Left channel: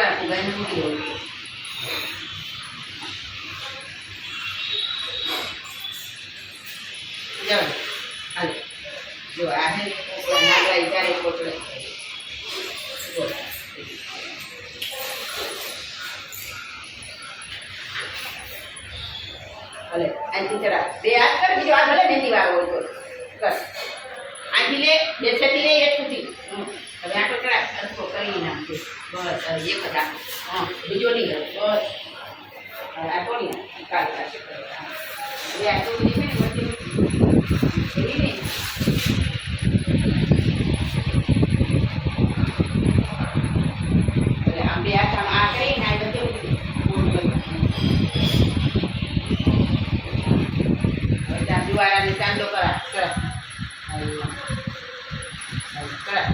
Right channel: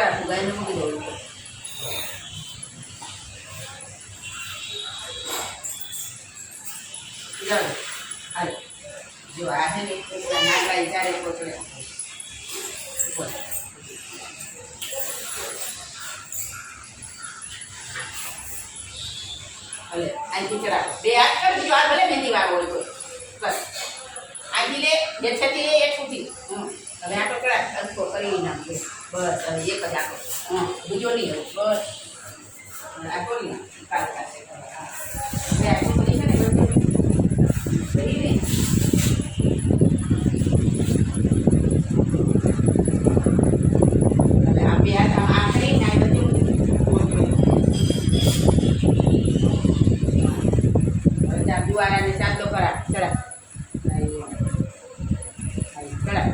જુવાર ફુગાઈને મૂકી દેવું. ચાલો હાલો જો આ છે ને નાગરાઈ ચારે કોચડે ભલે અહીંથી જરા બે હાથ કર બીજો હાથ ભલે મહેંદી વાળો હોય તો બસ અહીંથી લે બેઠેથી લે એક સુધી હવે આટલો ચડાય અડધો કરી નાખજો બસ હવે એક જ આટલો બીજો નહીં હવે બસ આટલો નહીં કાઢી કાઢશે બે આટલું બધી છે ને બધી એવી નહીં એટલે આમ બે હાથ આ કરીને આ બધું જુવારાને ચાંદલો કરા ચડા ચડા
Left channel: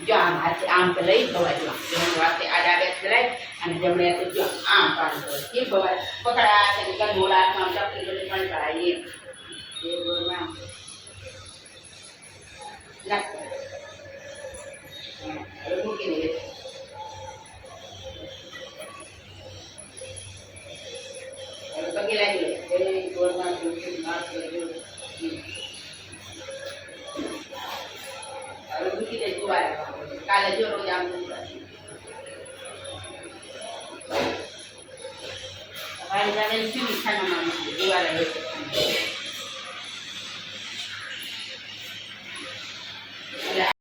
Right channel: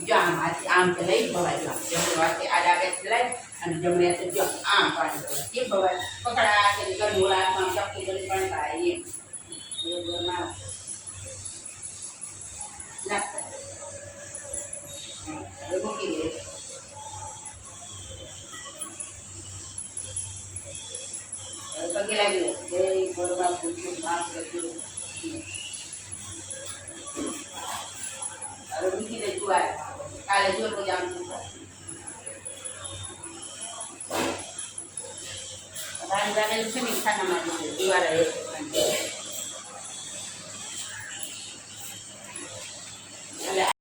જો આમ તો લઈ ભવાય જમણી વાતે આડા બે ચડાય અને જમણી હાથે જો આમ પાણી એ ભવાય પકડા છે ગંધોળા આમ ચપટી બધી પણ પડાય એ ગોળમાં નાખ હવે મૂકી દે હવે પગે લાગી લે જય ગોળમાં પૂછ્યું માફ કરજો હવે મૂકી દે જુવાર કાલે જો રોજ આમ ભાઈ જાણે છે ને ખાનામાં દીવારા